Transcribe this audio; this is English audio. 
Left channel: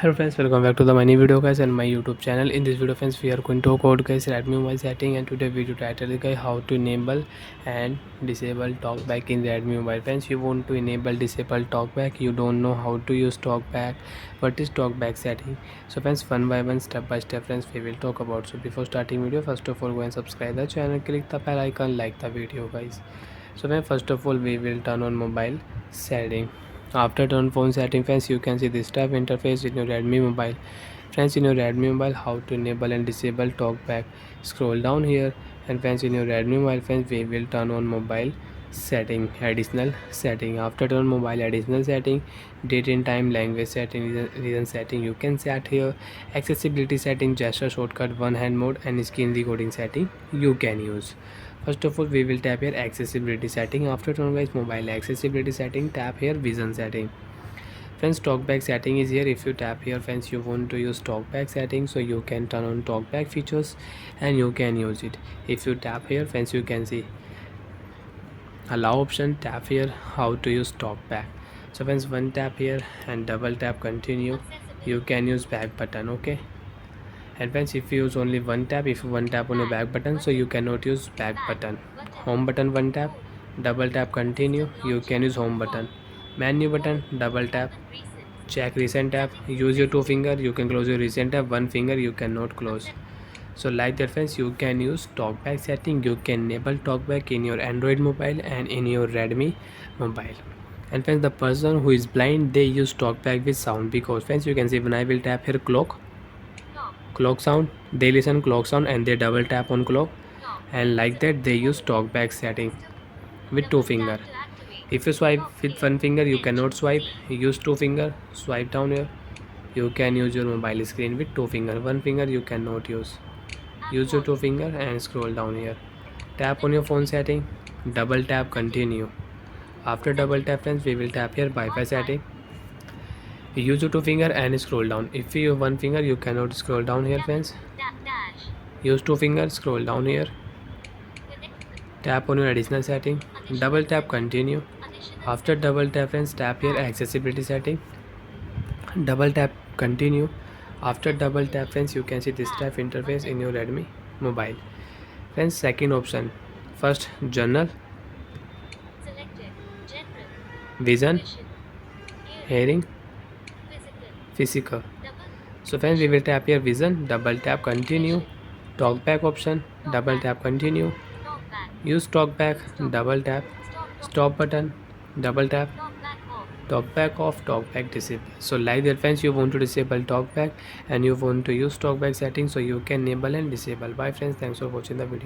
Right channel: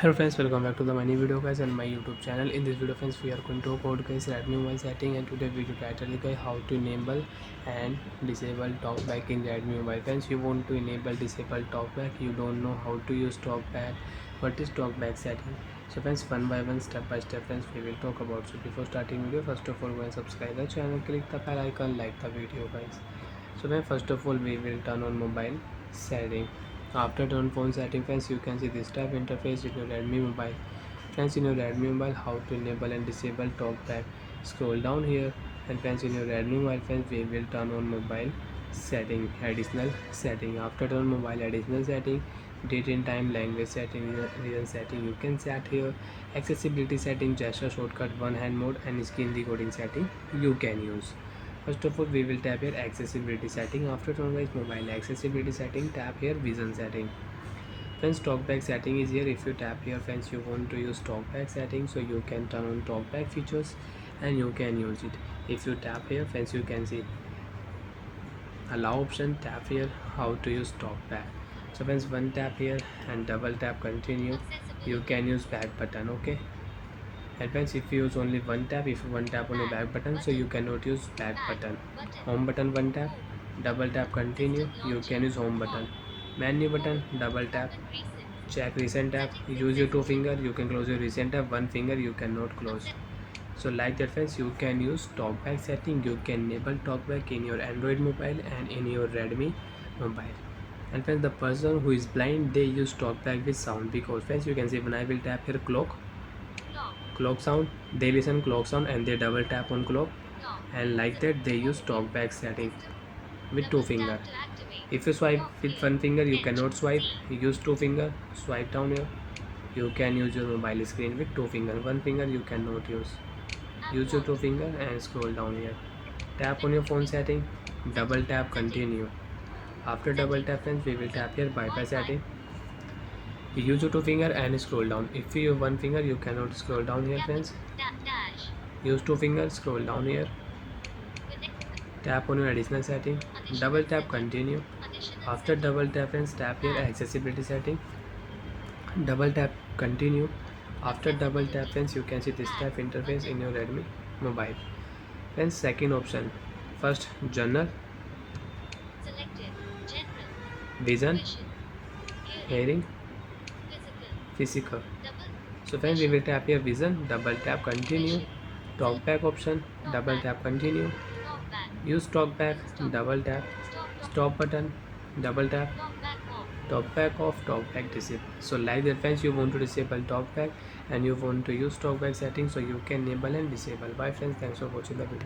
Hello friends, welcome back to the mini video guys and my YouTube channel. In this video friends, we are going to talk about guys Redmi mobile setting, and today video title is guys how to enable and disable talkback in Redmi mobile. Friends, you want to enable disable talkback, you don't know how to use talkback, what is talkback setting. So friends, one by one, step by step friends, we will talk about. So before starting video, first of all go and subscribe the channel, click the bell icon, like the video guys. So then first of all we will turn on mobile setting. After turn phone setting friends, you can see this type interface in your Redmi mobile. Friends, in your Redmi mobile, how to enable and disable talkback, scroll down here, and friends, in your Redmi mobile friends, we will turn on mobile setting, additional setting. After turn mobile additional setting, date and time, language setting, region setting, you can set here. Accessibility setting, gesture shortcut, one hand mode, and screen recording setting you can use. First of all we will tap here accessibility setting. After turn guys mobile accessibility setting, tap here vision setting. Friends, talkback setting is here. If you tap here friends, you want to use talkback setting, so you can turn on talkback features and you can use it. If you tap here friends, you can see allow option, tap here how to use talkback. So friends, one tap here and double tap continue, you can use back button. Okay, and friends, if you use only one tap, if one tap on your back button, so you cannot use back button. Home button one tap, double tap continue, you can use home button. Menu button double tap, check recent tab, use your two finger, you can close your recent tab, one finger you cannot close. So like that friends, you can use talkback setting, you can enable talkback in your Android mobile and in your Redmi mobile. And friends, the person who is blind, they use talkback with sound, because friends you can see when I will tap here clock sound, they listen clock sound and they double tap on clock, and like that they use talkback setting with two finger. If you swipe with one finger you cannot swipe, use two finger, swipe down here, you can use your mobile screen with two finger, one finger you cannot use your two finger and scroll down here, tap on your phone setting, double tap continue. After double tap friends, we will tap here Wi-Fi setting, use your two finger and scroll down. If you use one finger you cannot scroll down here friends, use two fingers, scroll down here, tap on your additional setting, double tap continue. After double tap friends, tap here accessibility setting, double tap continue. After double tap friends, you can see this type interface in your Redmi mobile. Friends, second option, first journal, vision, hearing, physical. So friends, we will tap here vision, double tap continue. Talkback option, double tap continue. Use talkback, double tap. Stop button, double tap. Talkback off, talkback disable. So like that friends, you want to disable talkback and you want to use talkback settings, so you can enable and disable. Bye friends, thanks for watching the video.